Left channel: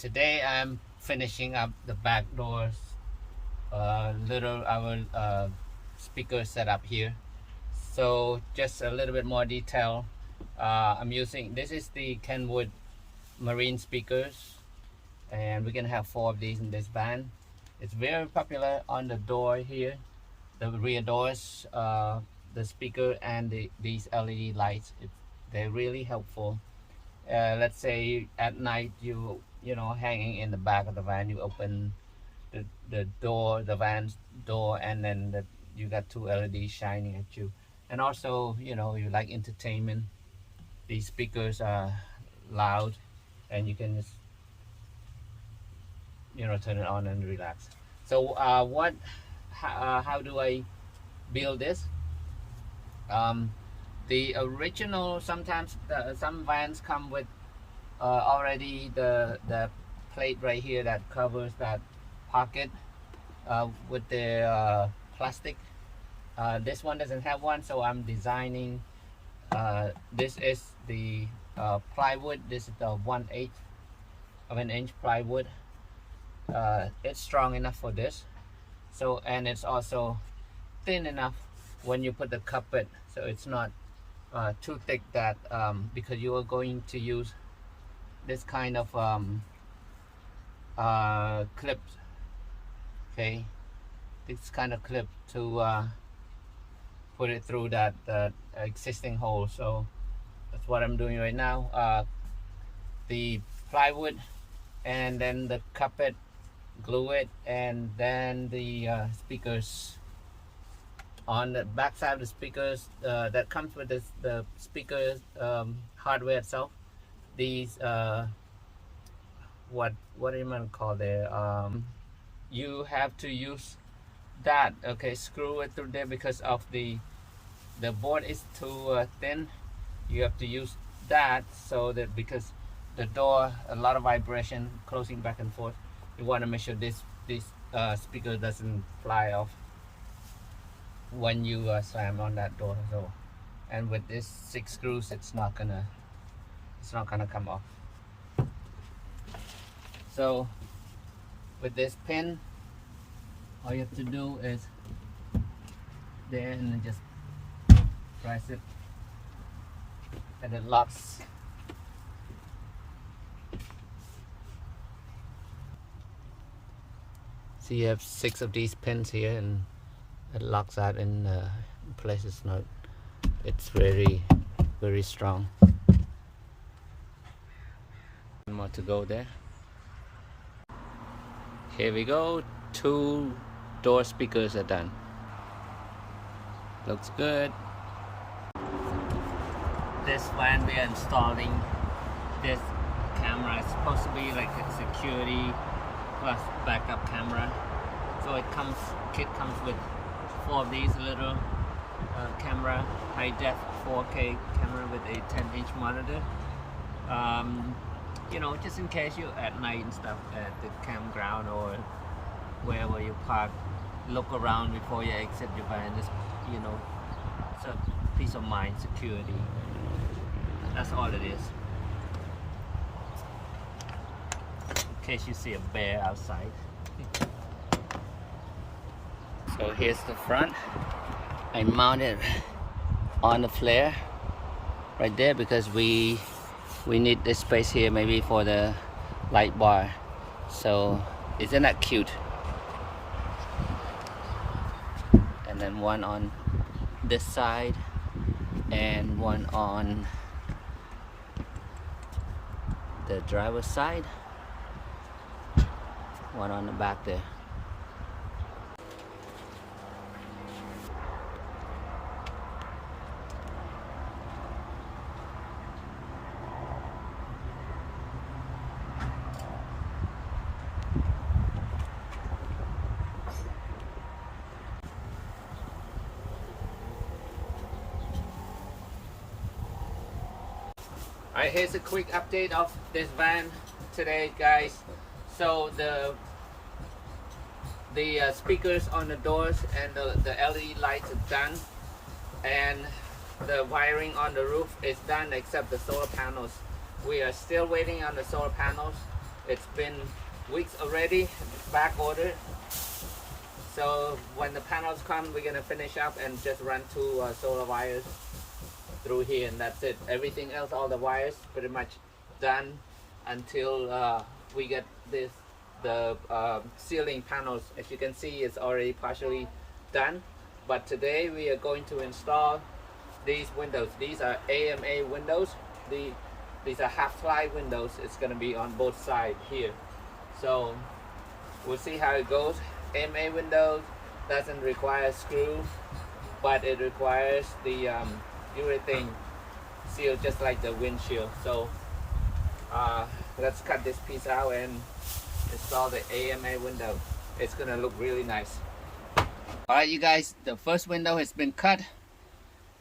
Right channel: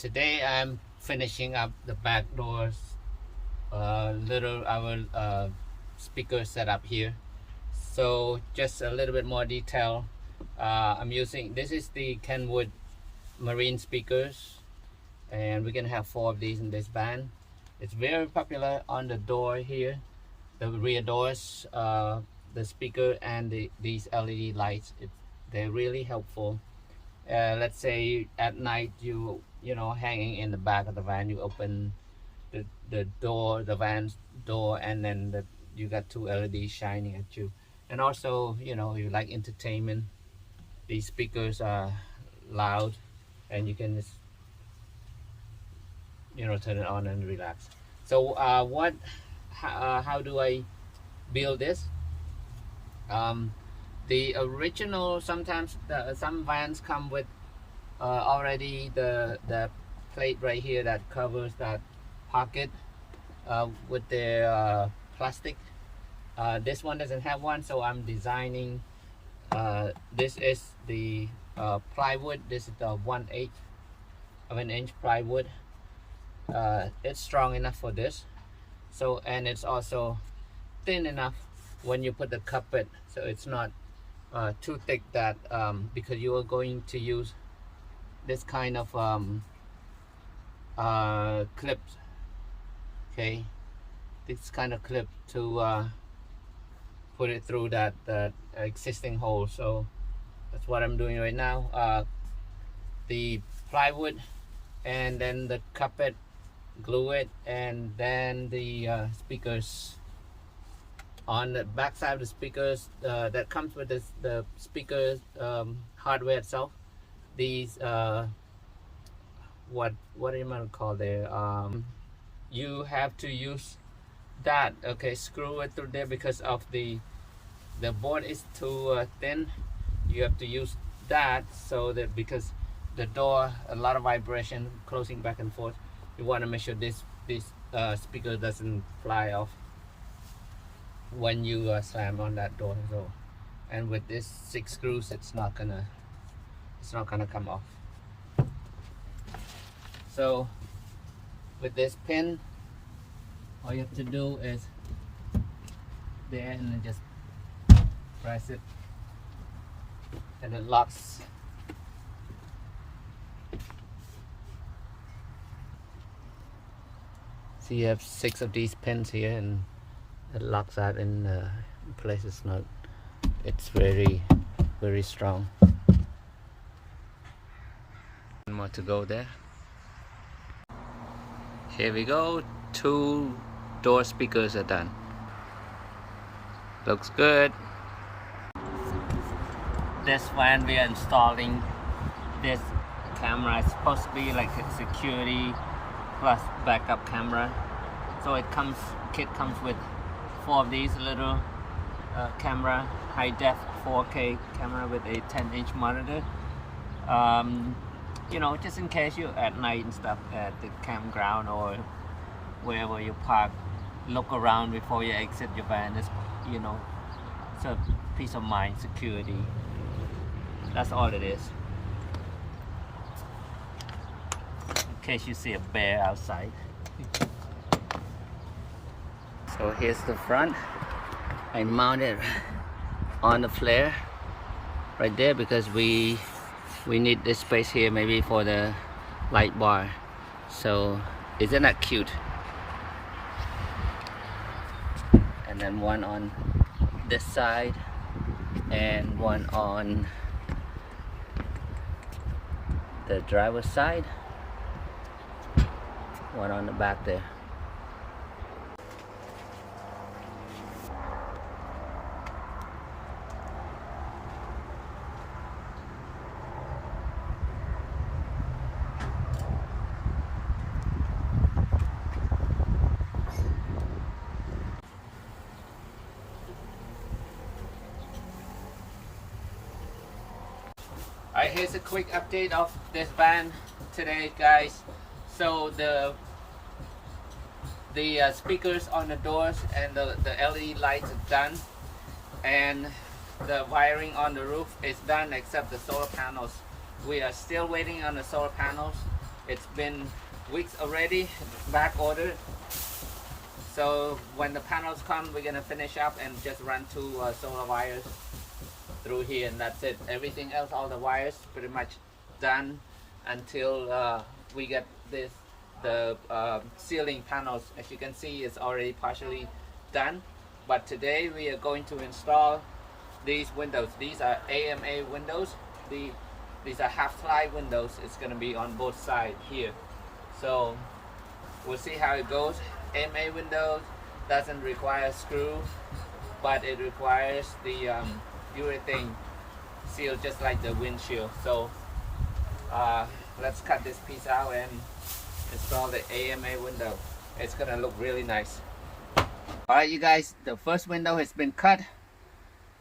Today I'm finishing up the back doors, our speaker setup here. So just a little bit more detail. I'm using, this is the Kenwood marine speakers, and we're gonna have 4 of these in this van. It's very popular on the door here, the rear doors, the speaker and these LED lights. They're really helpful. Let's say at night you know, hanging in the back of the van, you open the door, the van's door, and then you got 2 LEDs shining at you. And also, you know, you like entertainment, these speakers are loud and you can just, you know, turn it on and relax. So how do I build this? The original, sometimes some vans come with already the plate right here that covers that pocket with the plastic. This one doesn't have one, so I'm designing. This is the plywood. This is the 1/8 of an inch plywood. It's strong enough for this, so, and it's also thin enough when you put the carpet, so it's not too thick that because you are going to use this kind of clips, okay, this kind of clip to put it through that existing hole. So that's what I'm doing right now. The plywood and then the carpet, glue it, and then the speakers on the back side of the speakers that comes with this, the speakers hardware itself. These what do you want to call there? You have to use that, okay, screw it through there because of the board is too thin. You have to use that, so that because the door, a lot of vibration closing back and forth, you want to make sure this speaker doesn't fly off when you slam on that door. So, and with this 6 screws, it's not gonna come off. So with this pin, all you have to do is there and then just press it and it locks. So you have 6 of these pins here and it locks that in place. It's very, very strong. One more to go there. Here we go. 2 door speakers are done. Looks good. This van we are installing this camera. It's supposed to be like a security plus backup camera. So kit comes with 4 of these little camera, high def 4K camera with a 10-inch monitor. You know, just in case you at night and stuff at the campground or wherever you park, look around before you exit your van. It's, you know, it's a peace of mind, security. That's all it is. In case you see a bear outside. So here's the front. I mounted on the flare right there because we need this space here maybe for the light bar. So isn't that cute? And then one on this side and one on the driver's side, one on the back there. Alright, here's a quick update of this van today, guys. So the speakers on the doors and the LED lights are done, and the wiring on the roof is done except the solar panels. We are still waiting on the solar panels. It's been weeks already, back ordered. So when the panels come, we're gonna finish up and just run two solar wires through here, and that's it. Everything else, all the wires, pretty much done until we get the ceiling panels. As you can see, it's already partially done. But today we are going to install these windows. These are AMA windows. These are half-ply windows. It's gonna be on both sides here. So we'll see how it goes. AMA windows doesn't require a screw, but it requires the urethane seal, just like the windshield. So let's cut this piece out and install the AMA window. It's gonna look really nice. All right, you guys, the first window has been cut,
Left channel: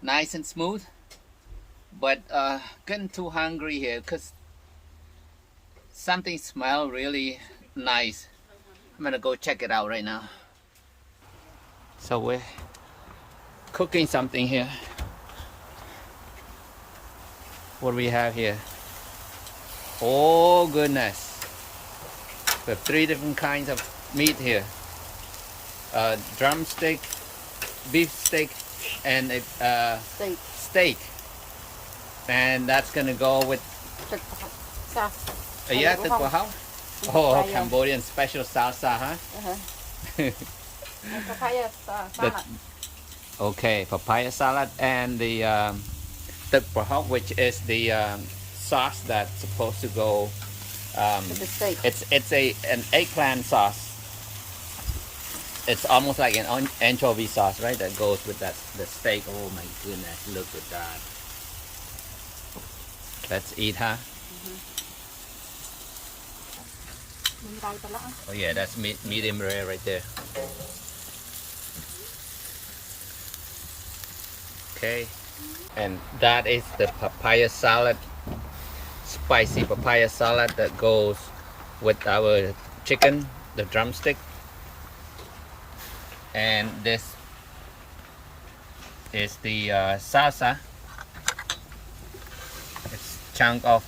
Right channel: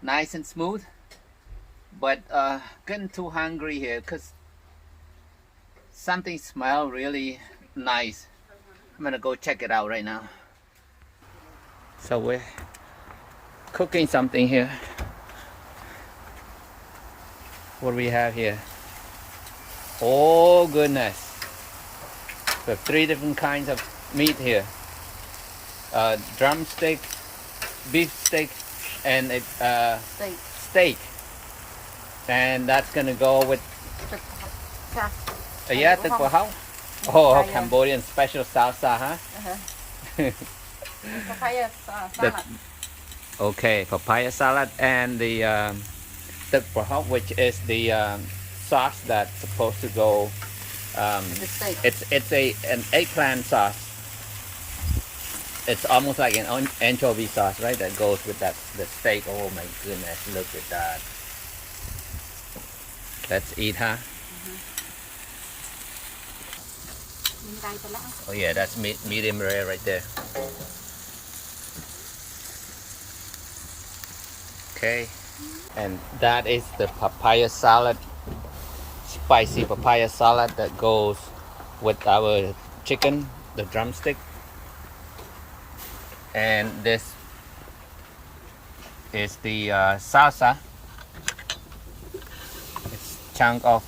nice and smooth, but getting too hungry here because something smells really nice. I'm gonna go check it out right now. So we're cooking something here. What do we have here? Oh goodness, we have 3 different kinds of meat here. Drumstick, beef steak, and a steak. And that's gonna go with yeah, tức của hóc. Oh, Cambodian special salsa, huh? Papaya salad. Okay, papaya salad and the tức của hóc, which is the sauce that's supposed to go. It's an eggplant sauce. It's almost like an anchovy sauce, right? That goes with the steak. Oh my goodness, look at that. Let's eat, huh? Oh yeah, that's medium rare right there. Okay, and that is the papaya salad, spicy papaya salad that goes with our chicken, the drumstick. And this is the salsa. It's chunk of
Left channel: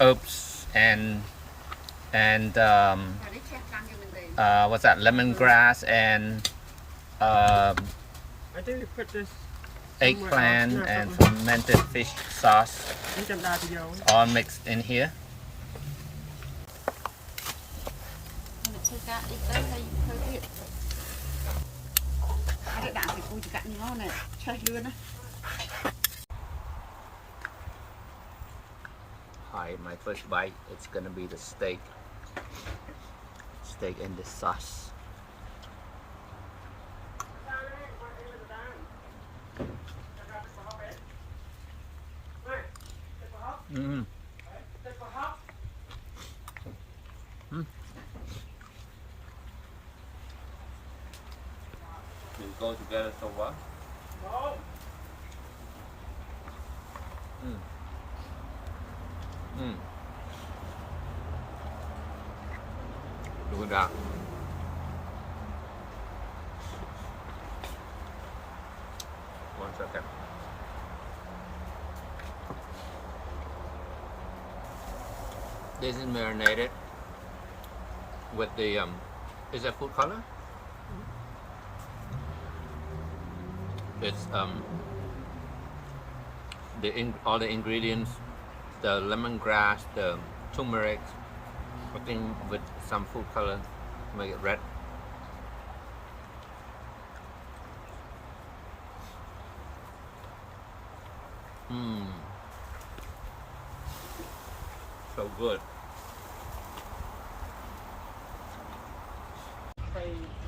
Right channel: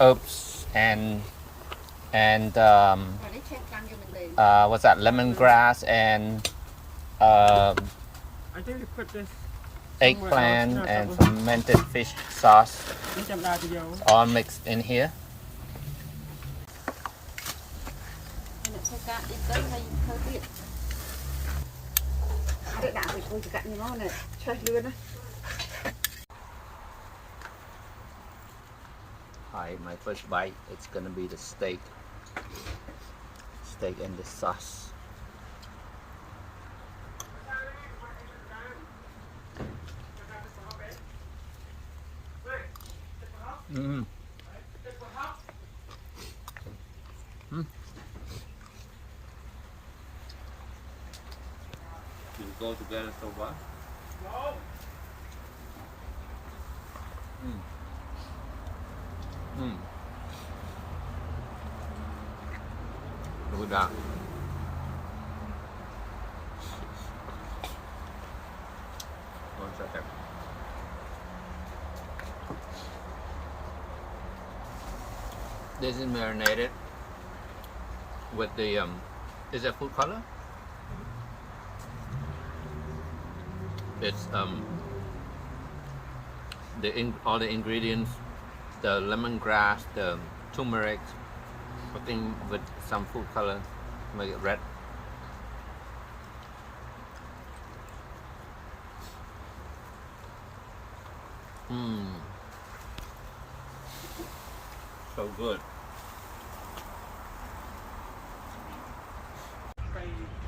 herbs and what's that? Lemongrass and I think you put this eggplant and fermented fish sauce, all mixed in here. Alright, my first bite, it's gonna be the steak and the sauce. Mm. Mm. We go together so well. Mm. Mm. Look at that. One second. This is marinated with the is that food color? It's all the ingredients, the lemongrass, the turmeric, I think with some food color, make it red. So good.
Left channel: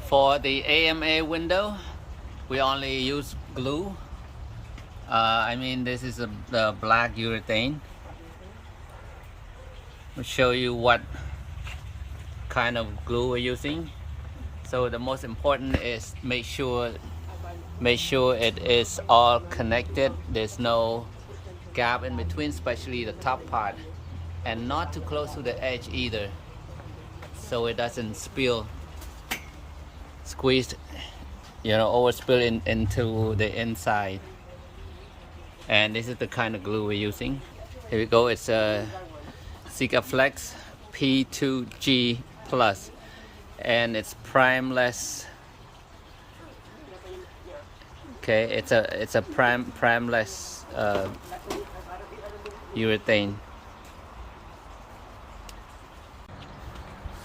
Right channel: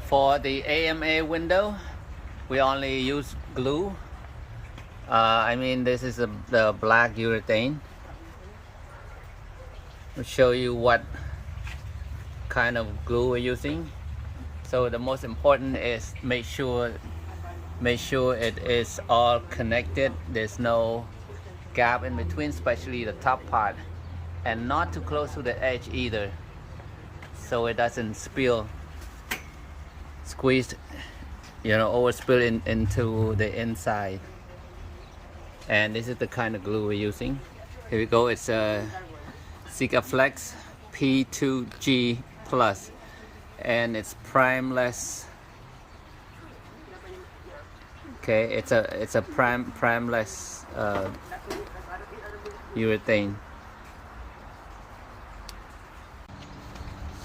For the AMA window, we only use glue. I mean, this is the black urethane. I'll show you what kind of glue we're using. So the most important is make sure it is all connected. There's no gap in between, especially the top part, and not too close to the edge either, so it doesn't spill, squeeze, overspill into the inside. And this is the kind of glue we're using. Here we go. It's a Flex P2G Plus, and it's primeless. Okay, it's a primeless urethane.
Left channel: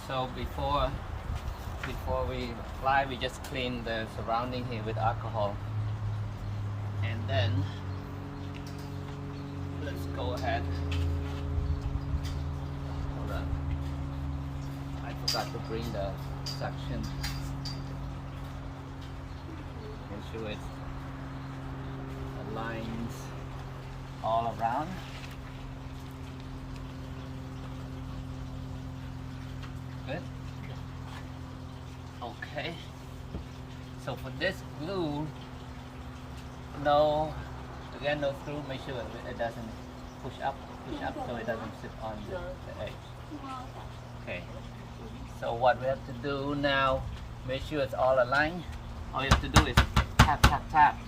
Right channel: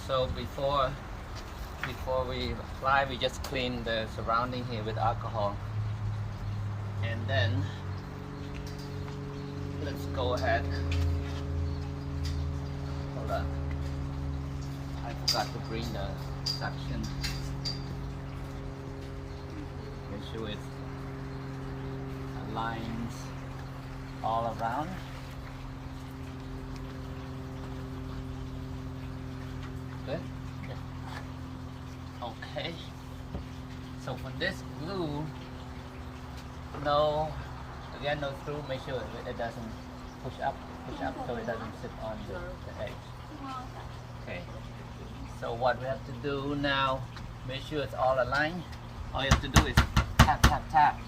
So before we apply, we just clean the surrounding here with alcohol, and then let's go ahead. Hold on, I forgot to bring the suction. Make sure it aligns all around. Good. Okay. So for this glue, no screw. Make sure it doesn't push up so it doesn't sit on the edge. Okay. So what we have to do now, make sure it's all aligned. All you have to do is tap, tap, tap,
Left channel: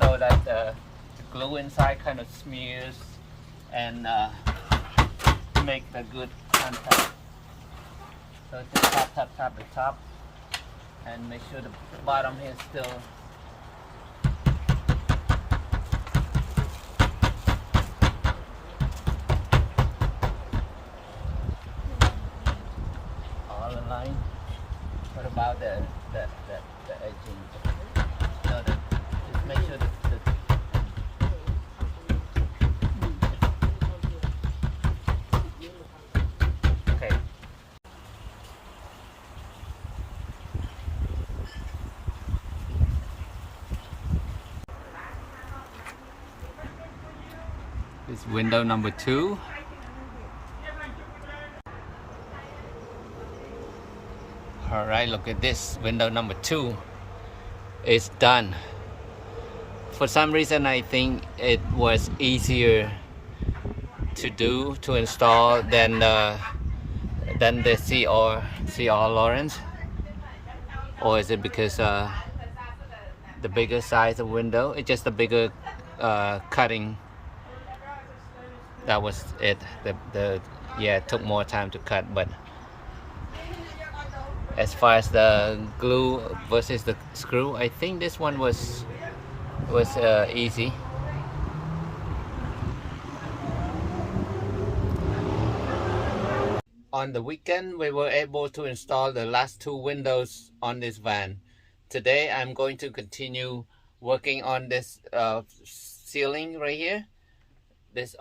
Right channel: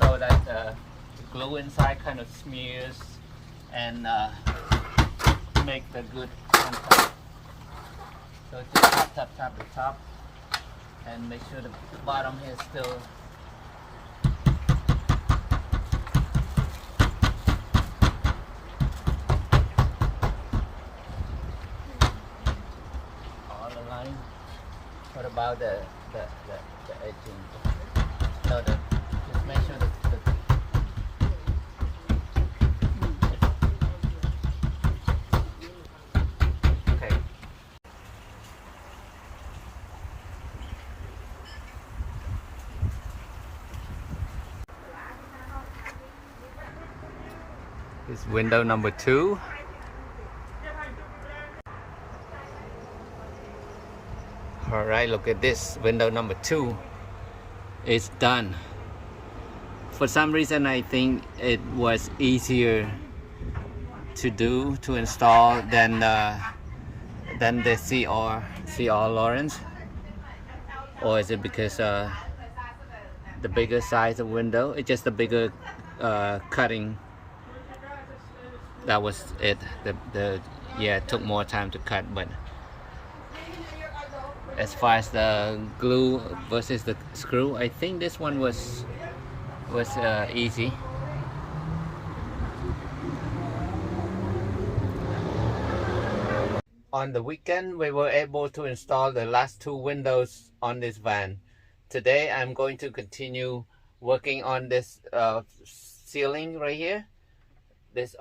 so that the glue inside kind of smears and make the good contact. So just tap, tap, tap the top, and make sure the bottom here is still all aligned. What about the edging? No, just make sure okay. It's window number 2. Alright, look at this. Window number 2 is done. For some reason, I think it was easier to install than the CR Lawrence, or is it because the bigger size of window? It's just the bigger cutting. That was it. Yeah, it took more time to cut, but as far as the glue versus the screw, I think this one was easy. On the weekend, we were able to install the last 2 windows on this van. Today, I'm going to continue working on this ceiling right here. This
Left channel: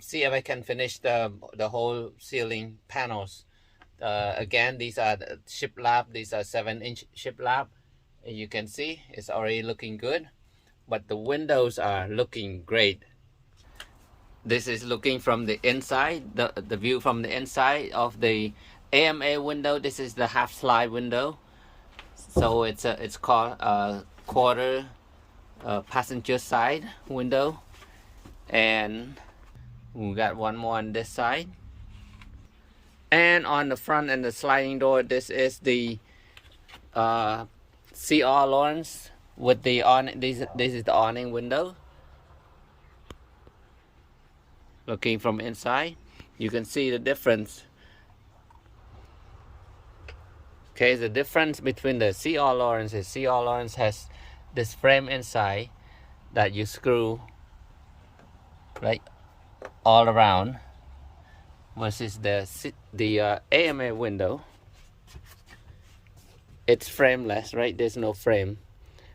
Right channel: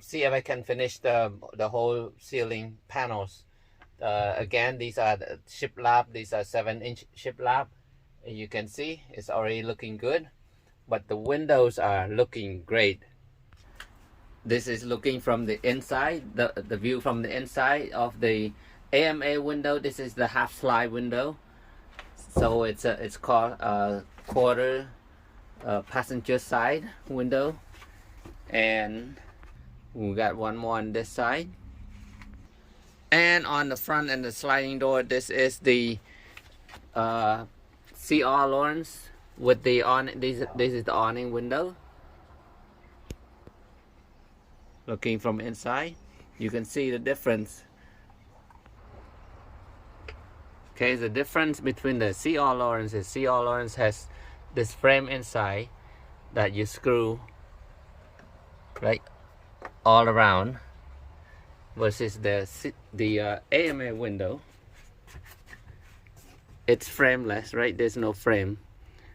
see if I can finish the whole ceiling panels. Again, these are the shiplap. These are 7-inch shiplap. You can see it's already looking good, but the windows are looking great. This is looking from the inside, the view from the inside of the AMA window. This is the half slide window, so it's called a quarter passenger side window, and we got one more on this side. And on the front and the sliding door, this is the CR Lawrence with the this is the awning window. Looking from inside, you can see the difference. Okay, the difference between the CR Lawrence is CR Lawrence has this frame inside that you screw right all around, versus the AMA window. It's frameless, right? There's no frame.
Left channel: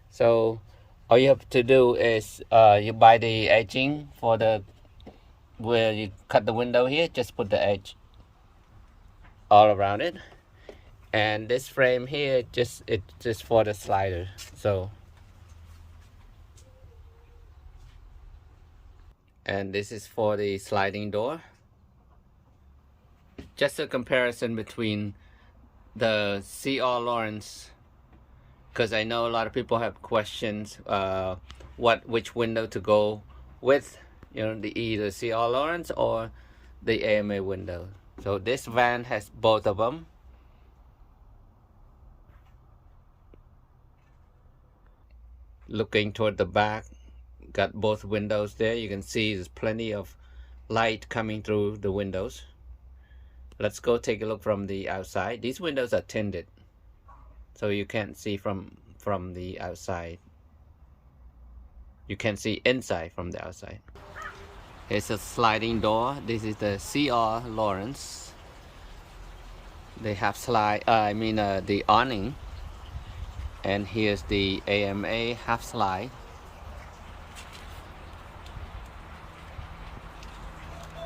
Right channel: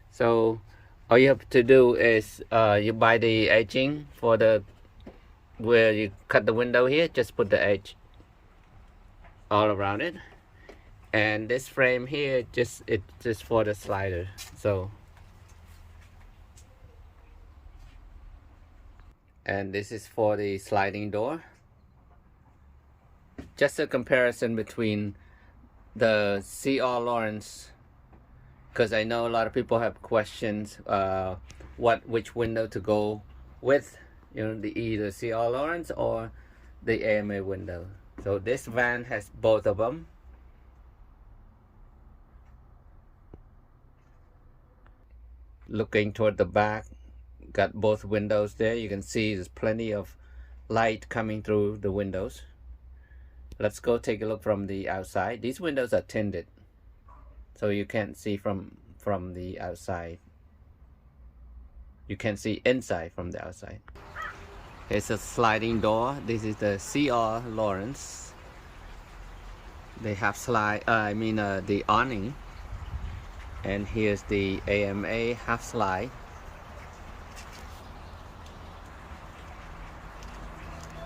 So all you have to do is you buy the edging for the where you cut the window here. Just put the edge all around it, and this frame here it's just for the slider. So, and this is for the sliding door. Just a comparison between the CR Lawrence, because I know a lot of people have questions which window to go with, either CR Lawrence or the AMA window. So this van has both of them. Looking toward the back, got both windows there. You can see there's plenty of light coming through the windows. Let's go take a look from the outside. These windows are tinted, so you can't see from the outside. You can see inside from the outside. It's a sliding door. This is the CR Lawrence. They have the awning. And here's the AMA half slide.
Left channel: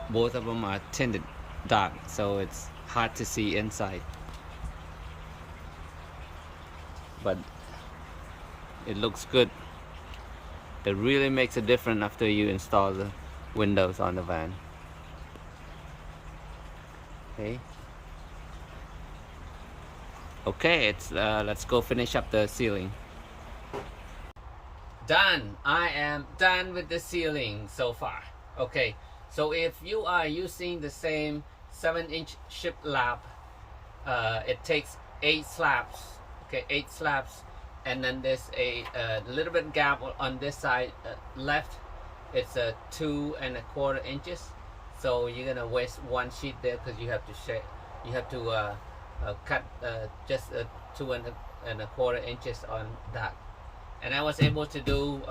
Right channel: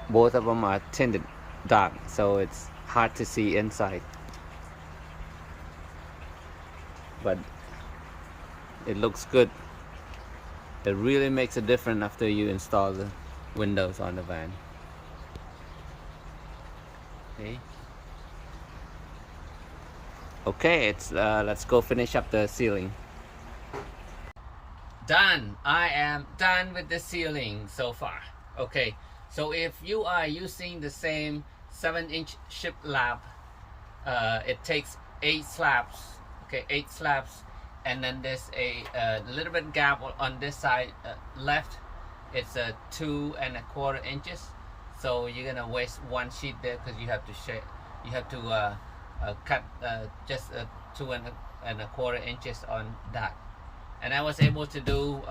Both of them are tinted dark, so it's hard to see inside. But it looks good. It really makes a difference after you install the windows on the van. Okay, let's go finish up the ceiling. Done. I am done with the ceiling so far. Okay, so if you are using the same 7-inch shiplap, it takes 8 slabs. Okay, 8 slabs, and then there's a little bit gap on this side left. It's 2¼ inches. So you're gonna waste 1 sheet there because you have to cut just 2¼ inches on that. And I was able to do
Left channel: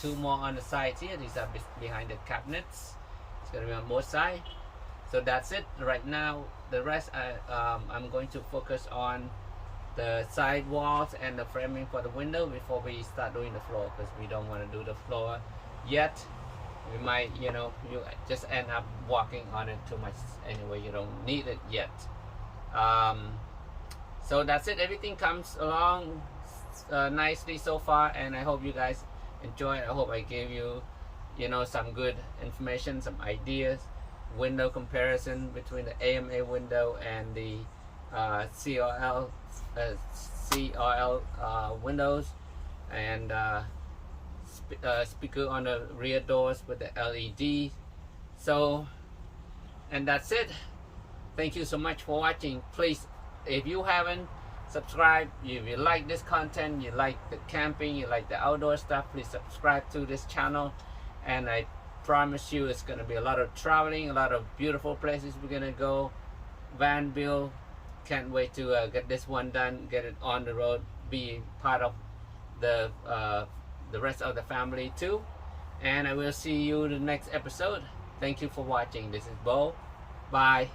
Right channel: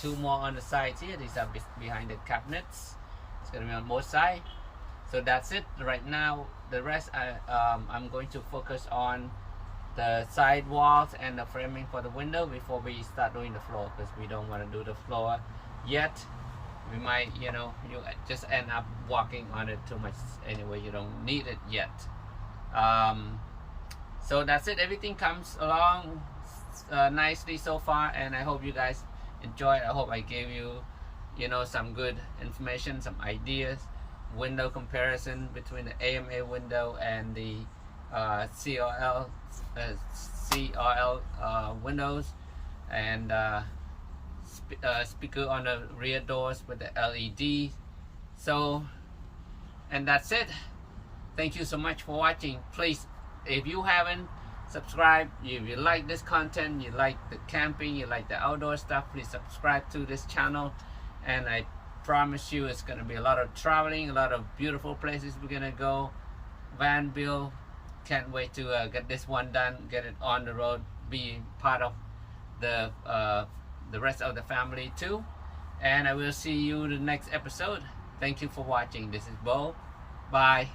2 more on the sides here. These are behind the cabinets. It's gonna be on both sides. So that's it right now. The rest I'm going to focus on the side walls and the framing for the window before we start doing the floor, because we don't want to do the floor yet. We might, you just end up walking on it too much anyway. You don't need it yet. So that's it. Everything comes along nicely so far, and I hope you guys enjoy it. I hope I gave you some good information, some ideas, window comparison between the AMA window and the CRL windows, and speaker on the rear doors with the LED. So, and that's it. Thank you so much for watching. Please, if you haven't subscribed, if you like this content, you like the camping, you like the outdoor stuff, please subscribe to this channel. And I promise you it's going to be a lot of traveling, a lot of beautiful places we're going to go. Van build. Can't wait to get this one done, get it on the road, be part of the rest of the family too. And I will see you in the next episode. Thank you for watching. This is Bo. Bye.